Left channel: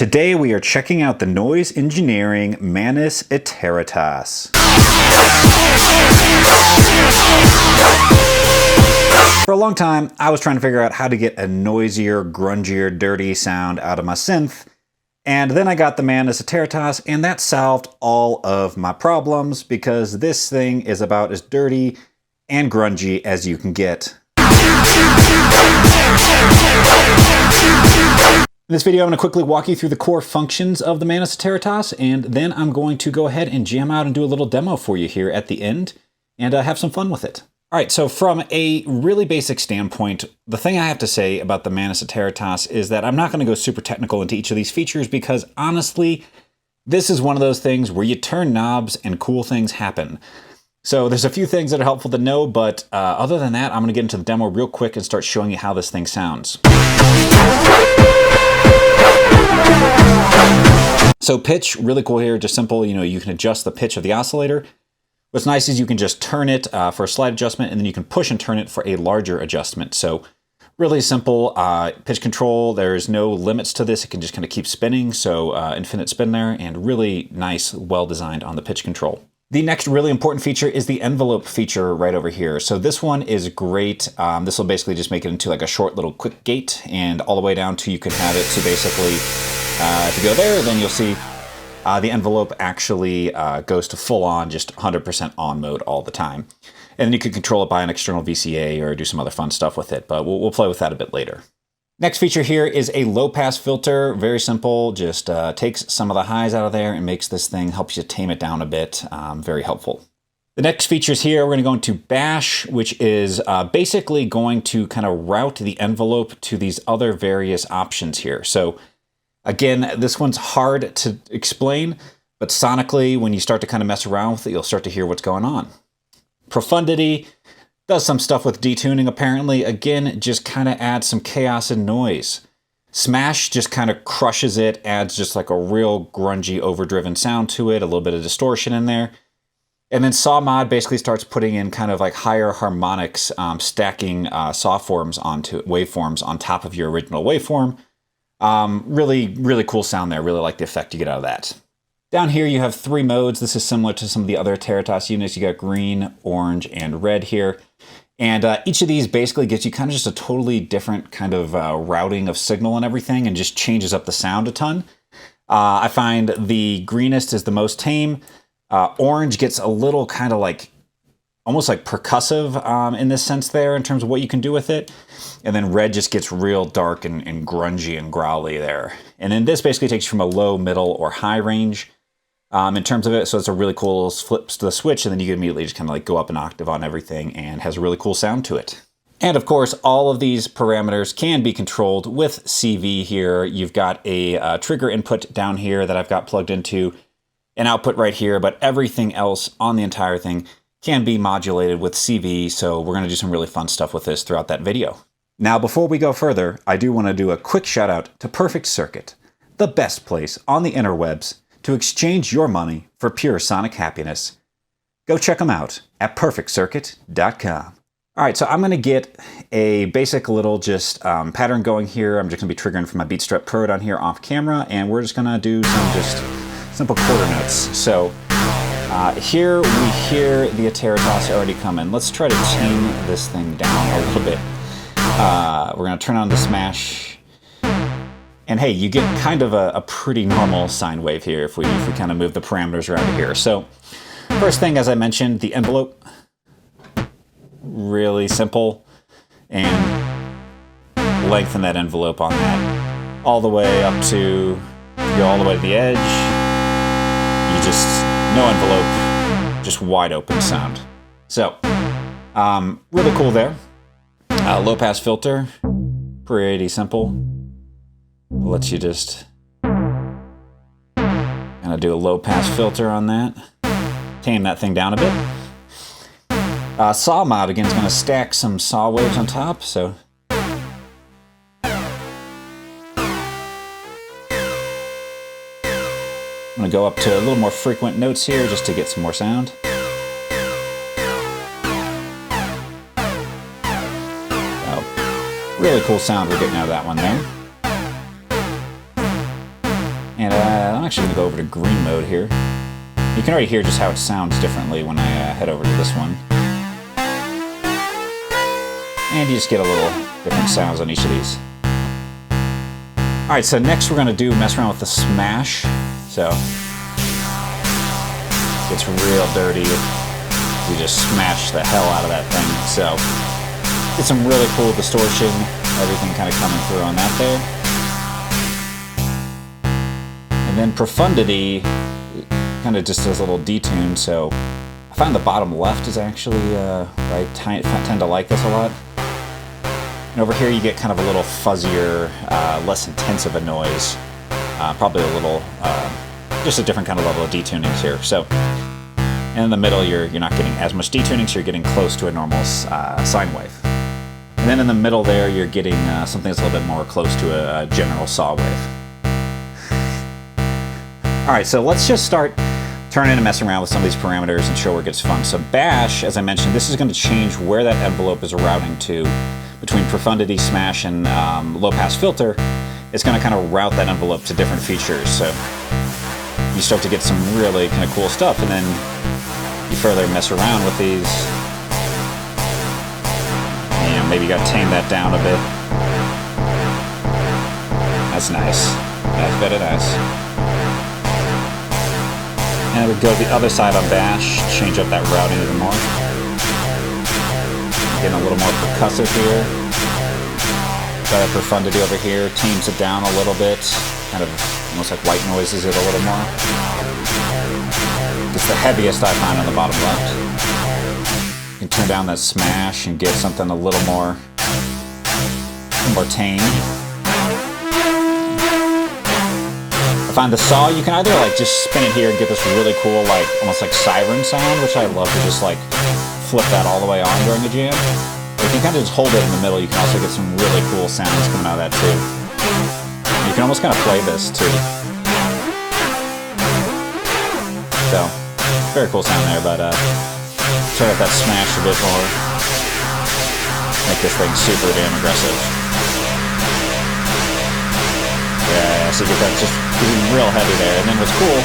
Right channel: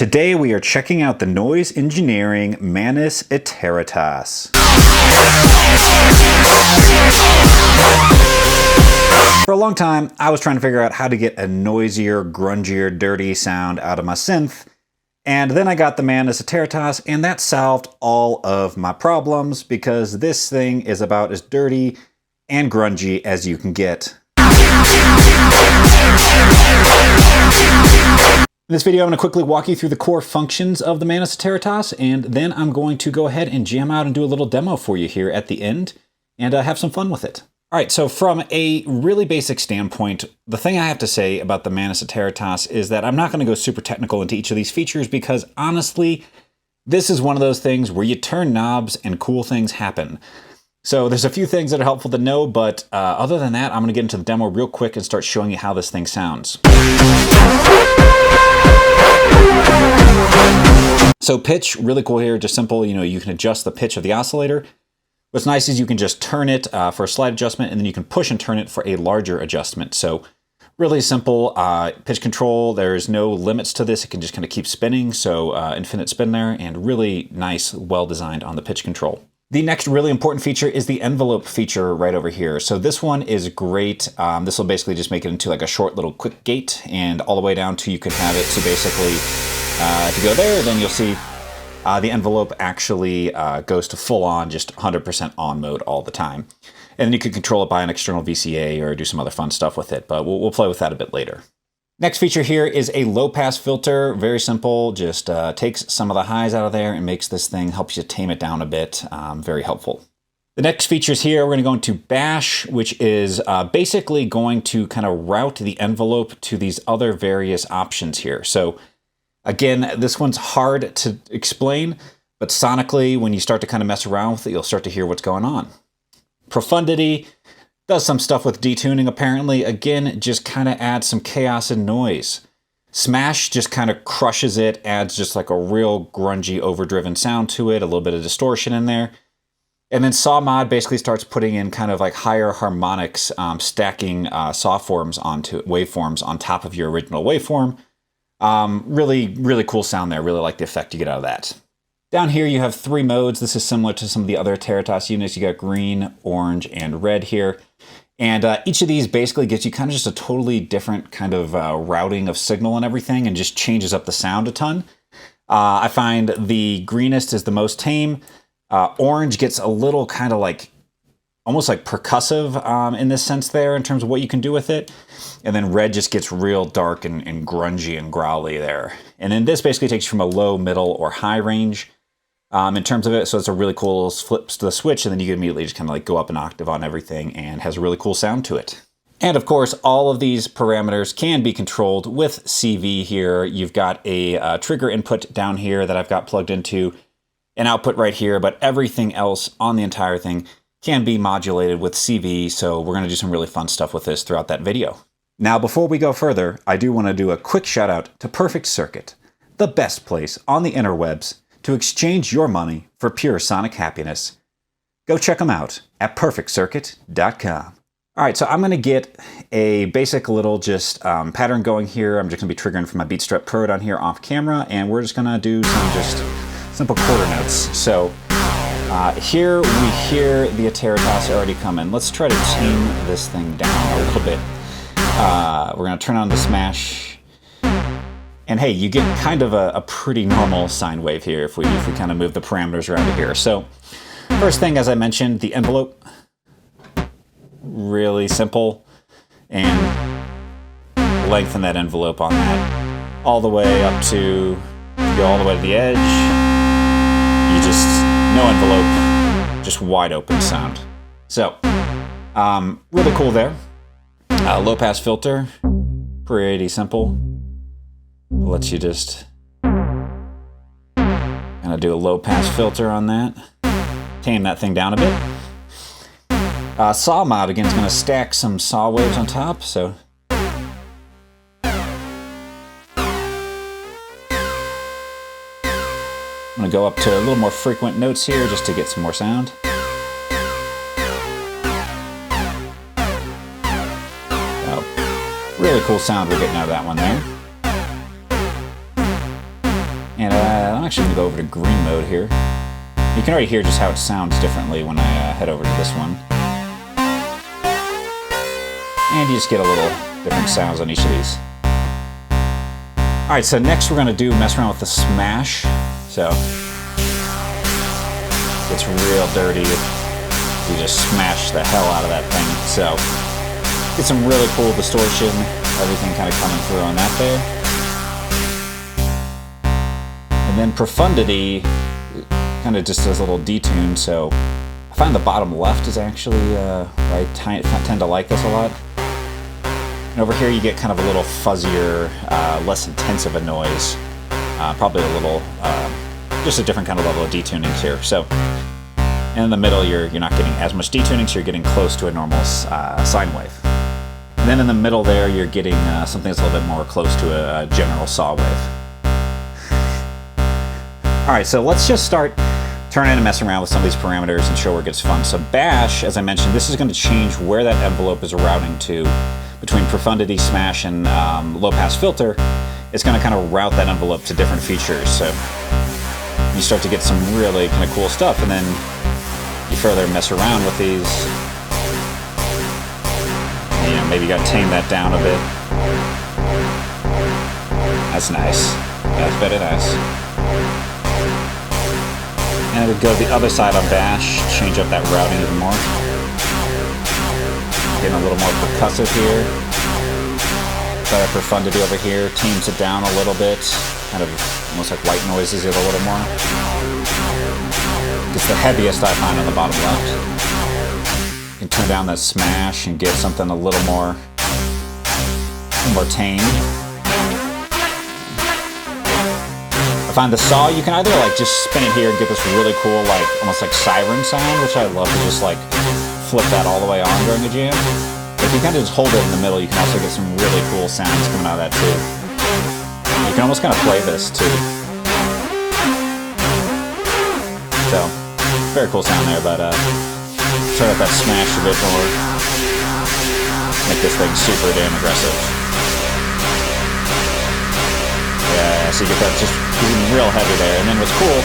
Today we are checking out the noise engineering Mantis Iteritas. For a long time, I was trying to figure out how to get a noisier, grungier, dirty sound out of my synth, and then I got the Mantis Iteritas, and that solved all of my problems because this thing is about as dirty and grungy as you can get. In this video, I'm going to quickly walk you through the core functions of the Mantis Iteritas, and then I'm going to go ahead and jam out and do a little demo for you here at the end, and have some fun with it. All right, so from a really basic standpoint, the thing I have to say about the Mantis Iteritas is that I'm not going to go super technical into each of these features because honestly, this is one of those things where you turn knobs and cool things happen. So there's a few things that are helpful to know, but other than that, I'm going to get into the demo real quick and start showing you how this thing sounds. So pitch, really cool here, just simple, you can adjust the pitch of the oscillator. What's nice is you can just turn it for a slight adjustment, and then you can push and turn it for a larger adjustment. So really simple pitch control. There's no limits to this. It can just kind of keep spinning, so infinite spin there, and really nice, well designed on the pitch control. The next really important feature is the envelope feature right over here. So this one is great. This will basically just make it into like a short little quick gate, and all the way down to you can have it. So basically, if you go there, then you'll see the envelope actually goes to full on, just 100% on mode all the time. And then you can control it by an external VCA or do some other fun stuff with it, but we'll play with that a bit later. Next feature here is a low pass filter. Very simple, just takes some of the highs out of there and makes this thing, helps you tame it down a bit. Very helpful. The next features here, we're going to go into bash, which is basically going to kind of route the envelope to these other various options here. So again, this one's hard to explain, but sonically, when you start to kind of mess around with it, you'll start to hear what's going on. Profundity does some stuff with detuning, apparently. Again, just kind of adds some chaos and noise. Smash just kind of crushes it, adds just like a real grungy, overdriven sound to it, a little bit of distortion in there. And then Saw Mod basically starts putting in kind of like higher harmonics, stacking saw forms onto waveforms on top of your original waveform. Really, really cool sound there. Really like the effect you get out of that. Down here you have 3 modes. This is similar to some of the other Iteritas units. You got green, orange, and red here. And each of these basically gives you kind of just a totally different kind of routing of signal and everything, and just changes up the sound a ton. I find the greenest is the most tame. Orange gets a little kind of like, almost like percussive in this sense there in terms of what you can do with it. And then red just gets real dark and grungy and growly there. And then this basically takes you from a low, middle, or high range in terms of it. So it's a really cool little flips to the switch, and then you can immediately just kind of like go up an octave on everything and has a really cool sound to it. And of course, all of these parameters can be controlled with CV here. You've got a trigger input down here that I've got plugged into an output right here, but everything else on the entire thing can be modulated with CV, so we're going to do some really fun stuff with this throughout that video. Now, before we go further, I do want to do a quick shout out to Perfect Circuit, the best place on the interwebs to exchange your money for pure sonic happiness. Go check them out at perfectcircuit.com. All right, so I'm going to get a basic little just pattern going here. I'm just going to be triggering from my Beatstrap Pro down here off camera, and we're just going to do some just simple quarter notes. So here we hear the Iteritas already coming. Let's try to tame this thing down a little bit. We're going to turn on the smash. And hey, you get kind of a pretty normal sine wave here if we kind of move the parameters around here. So first thing, as I mentioned, the envelope. Really simple. And lengthen that envelope on that all the way up to, go all the way to the edge. You just, no envelope, just wide open sound. So, really cool there. Low pass filter, pretty simple. Lets you just kind of do a low pass filter on that. Tame that thing down a bit. Saw Mod, again, is going to stack some saw waves on top, so. I'm going to go up to a little more frequent notes here just to get some more sound. Really cool sound we're getting out of that one there. And I'm actually going to go over to green mode here. You can already hear just how it sounds differently when I head over to this one. And you just get a little different sounds on each of these. Alright, so next we're going to mess around with the smash. So, it's real dirty. You just smash the hell out of that thing. So, get some really cool distortion, everything kind of coming through on that there. And then Profundity kind of just does a little detune, so I find the bottom left is actually I tend to like this a lot. And over here you get kind of a little fuzzier, less intense of a noise. Probably a little, just a different kind of level of detunings here. So, and in the middle you're not getting as much detuning, so you're getting close to a normal sine wave. And then in the middle there you're getting something that's a little bit more close to a general saw wave. Alright, so let's just start turning and messing around with some of these parameters and show where it gets fun. So bash, as I mentioned, this is going to change where that envelope is routing to between Profundity, Smash, and low pass filter. It's going to kind of route that envelope to different features. So you start to get some really kind of cool stuff, and then you further mess around with these. And, you know, maybe you got to tame that down a bit. That's nice. That's very nice. And we go to the other side on bash, change up that routing even more. Getting a little more percussive here. Try that Profundity over here, tames it down a little bit. Kind of almost like white noises it a little more. It's the heaviest I find on the bottom left. You can turn down that smash and get something a little more tame. I find the saw, you can either like just spin it here and get this really cool, like almost like siren sound, which I love to just like flip that all the way on during a jam. But if you kind of just hold it in the middle, you can also get some really cool sounds coming out of that too. You can almost kind of play this too. So, very cool sound there, but turn up that smash a bit more. Make this thing super damn aggressive. Yeah, so you get that just real heavy there. And then what's cool,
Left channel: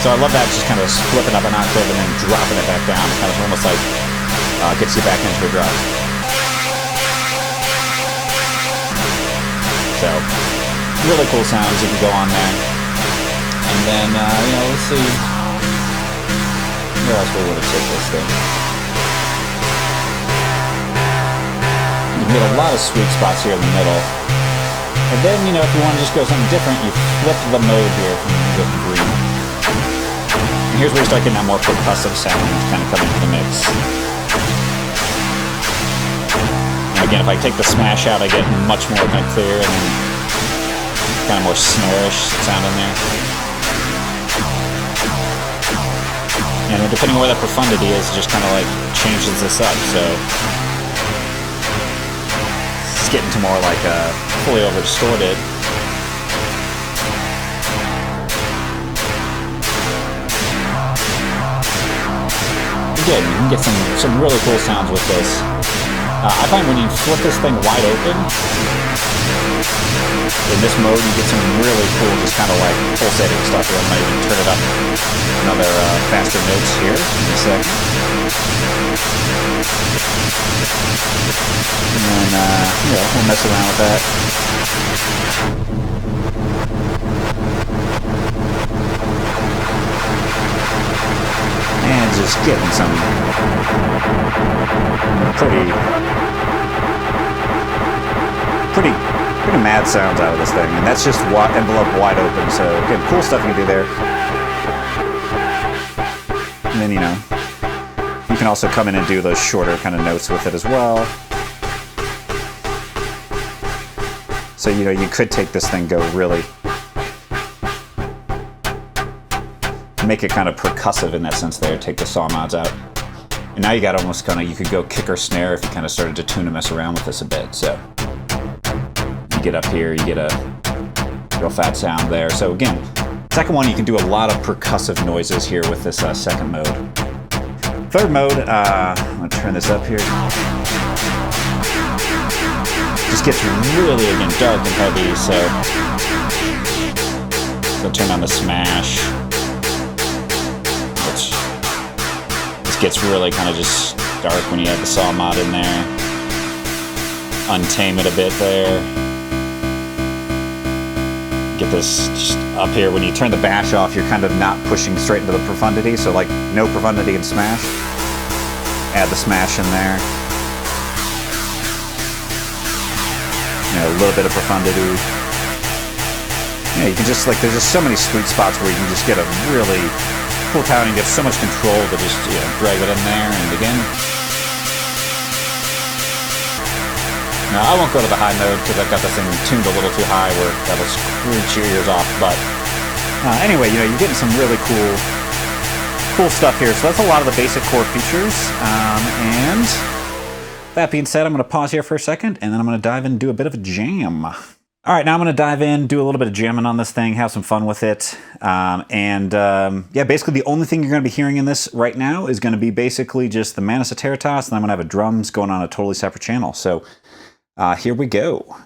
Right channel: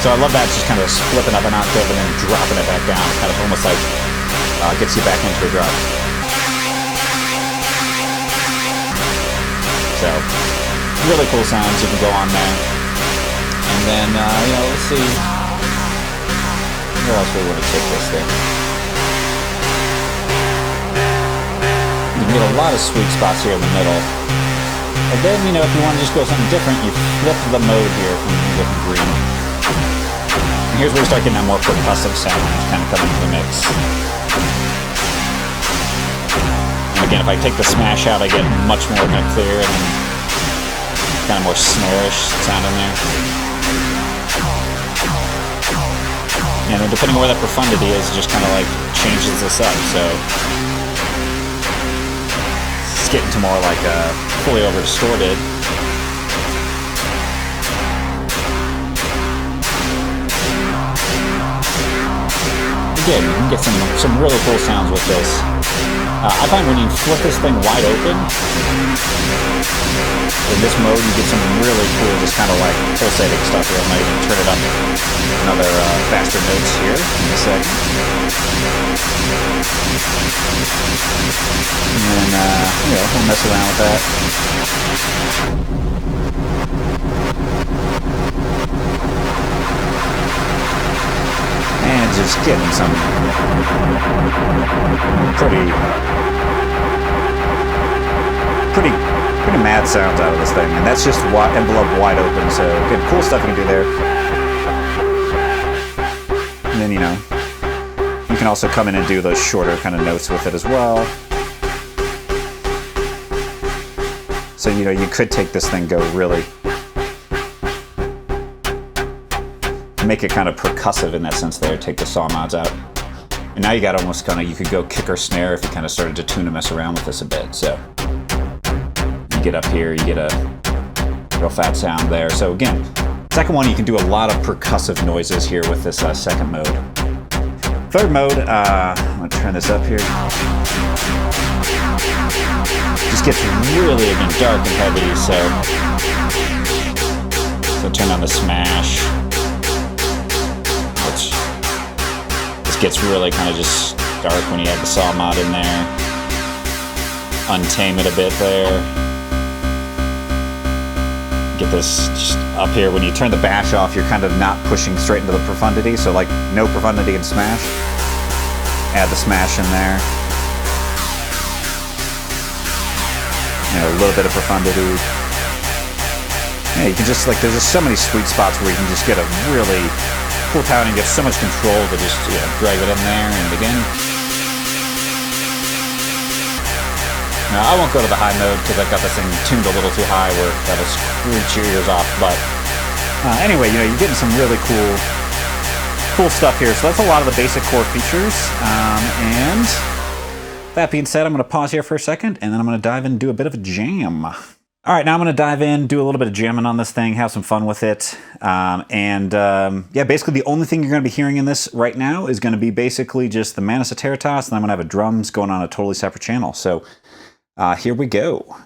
so I love that just kind of flipping up an octave and then dropping it back down. It kind of almost like gets you back into a drop. So, really cool sounds you can go on there. And then, you know, let's see, where else we want to take this thing. You can get a lot of sweet spots here in the middle. And then, you know, if you want to just go something different, you flip the mode here from green. And here's where you start getting that more percussive sound kind of coming into the mix. And again, if I take the smash out, I get much more kind of clear and then kind of more snare-ish sound in there. And then depending on where that Profundity is, it just kind of like changes this up. So getting to more like a fully over distorted. Again, you can get some really cool sounds with this. I find when you flip this thing wide open, in this mode you get some really cool just kind of like pulsating stuff here. I might even turn it up another faster notes here in a second. And then, you know, we'll mess around with that. And just getting some pretty mad sounds out of this thing. And that's just envelope wide open. So, again, cool stuff you can do there. And then, you know, you can also come in and do those shorter kind of notes with it as well. So, you know, you could take this thing, go really, make it kind of percussive in that sense there, take the saw mods out. And now you got almost kind of, you could go kick or snare if you kind of started to tune and mess around with this a bit. So, you get up here, you get a real fat sound there. So again, second one, you can do a lot of percussive noises here with this second mode. Third mode, I'm gonna turn this up here. Just just gets really, again, dark and heavy, so turn on the smash, which this gets really kind of just dark when you add the saw mod in there. Untame it a bit there. Get this just up here. When you turn the bash off, you're kind of not pushing straight into the profundity, so like no profundity and smash. Add the smash in there. You know, a little bit of profundity. Yeah, you can just, like, there's just so many sweet spots where you can just get a really cool tone and get so much control to just, you know, drag it in there and again. Now, I won't go to the high mode because I've got this thing tuned a little too high where that'll screech your ears off, but anyway, you know, you're getting some really cool stuff here. So that's a lot of the basic core features, and that being said, I'm going to pause here for a second, and then I'm going to dive in and do a bit of a jam. All right, now I'm going to dive in, do a little bit of jamming on this thing, have some fun with it. Yeah, basically the only thing you're going to be hearing in this right now is going to be basically just the Mantis Iteritas, and I'm going to have a drums going on a totally separate channel. So here we go.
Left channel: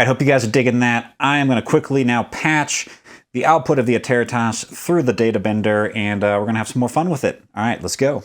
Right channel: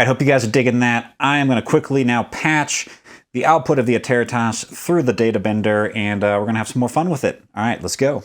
right, hope you guys are digging that. I am going to quickly now patch the output of the Iteritas through the data bender, and we're going to have some more fun with it. All right, let's go.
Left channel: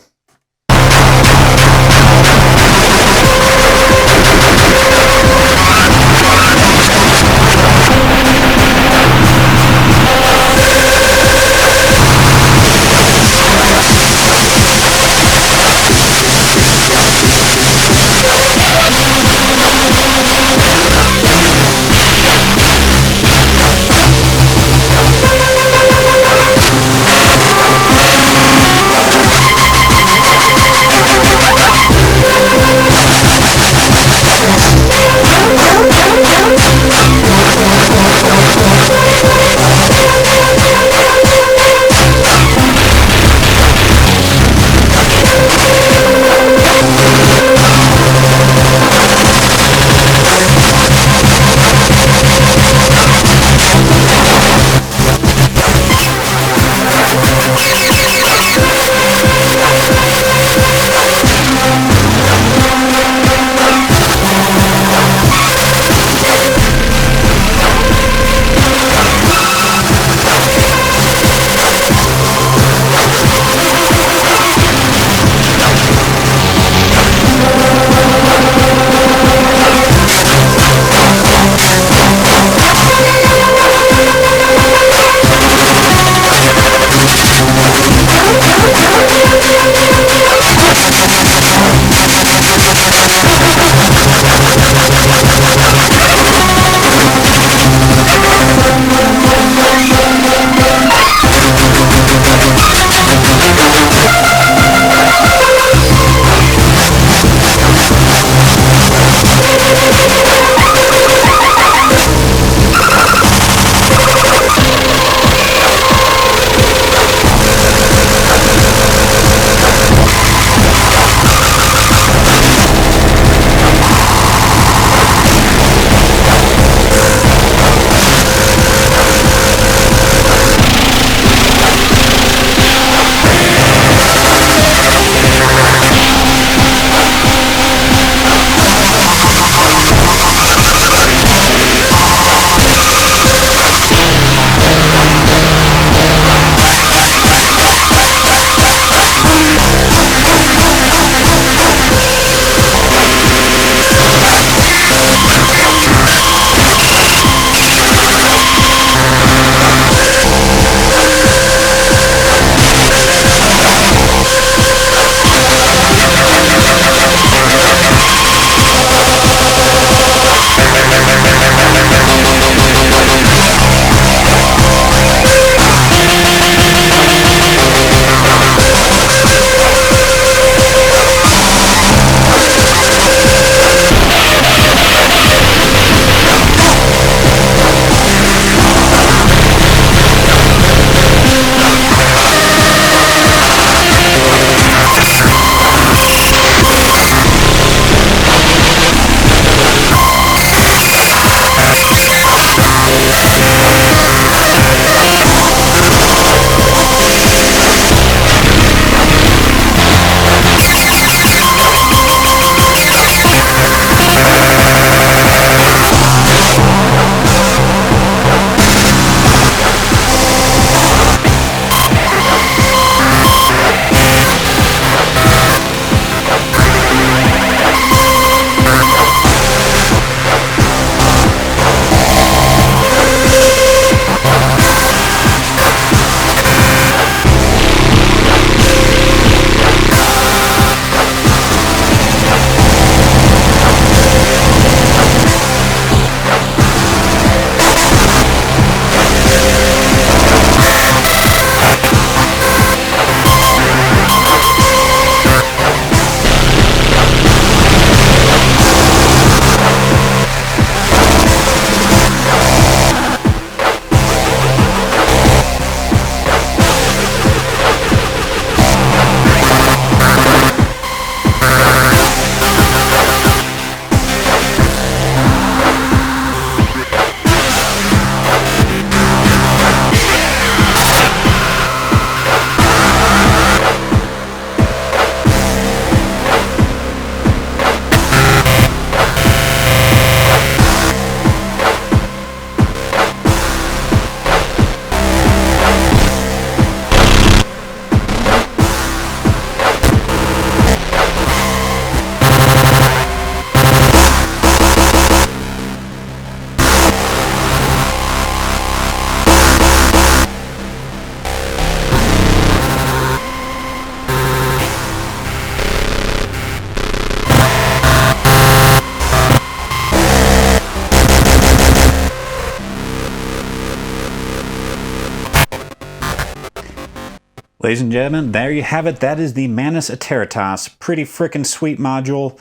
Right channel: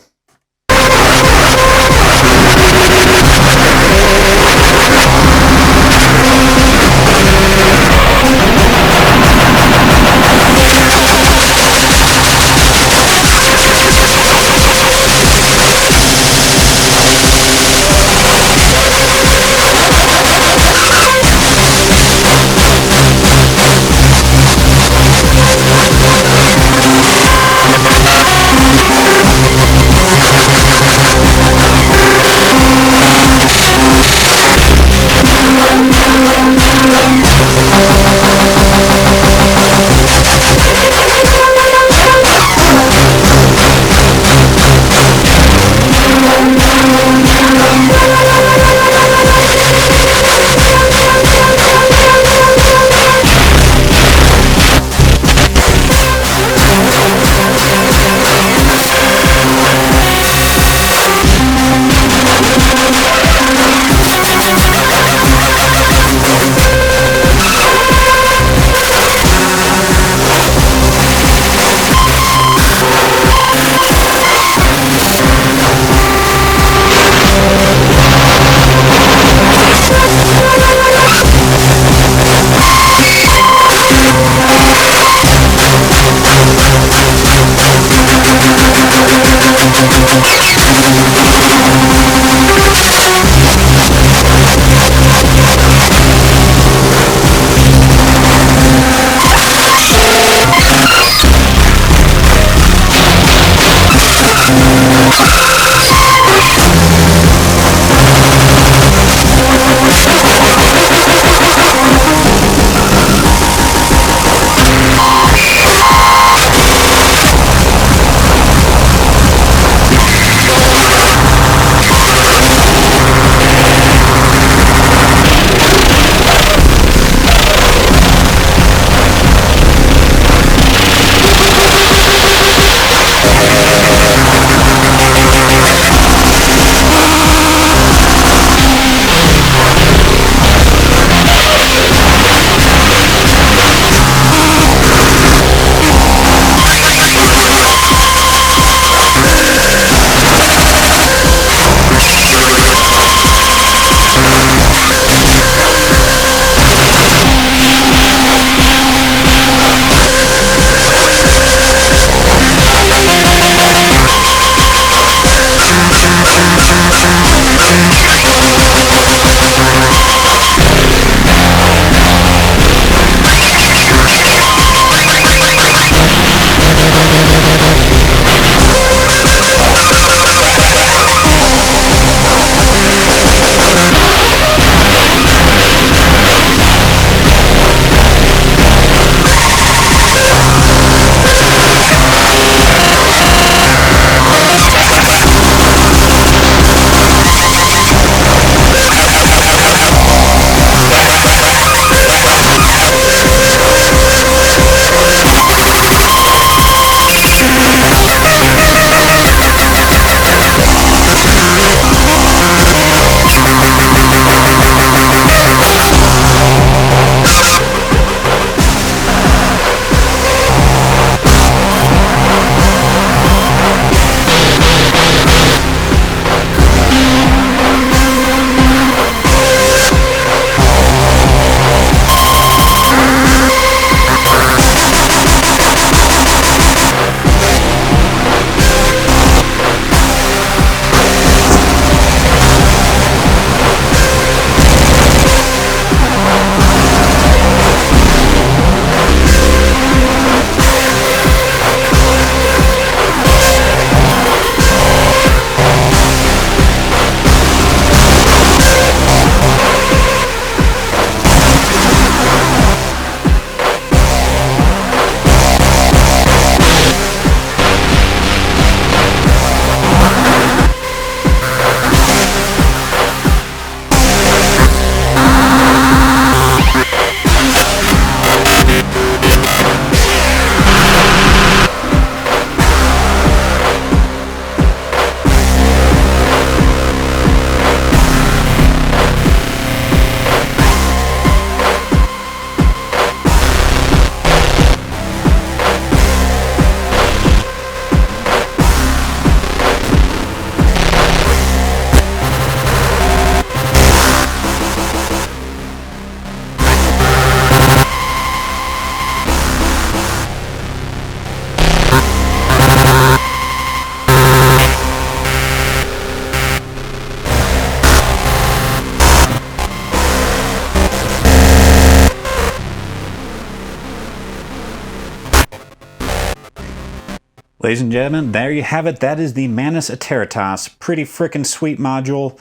Ladies and gentlemen, there you have it. That is the Mantis Iteritas. Pretty freaking sweet module.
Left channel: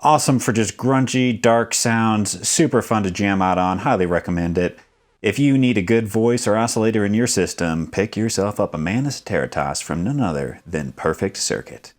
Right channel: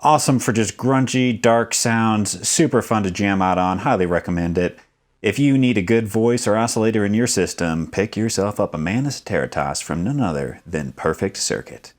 Awesome for just grungy, dark sounds. Super fun to jam out on. Highly recommend it. If you need a good voice or oscillator in your system, pick yourself up a Mantis Iteritas from none other than Perfect Circuit.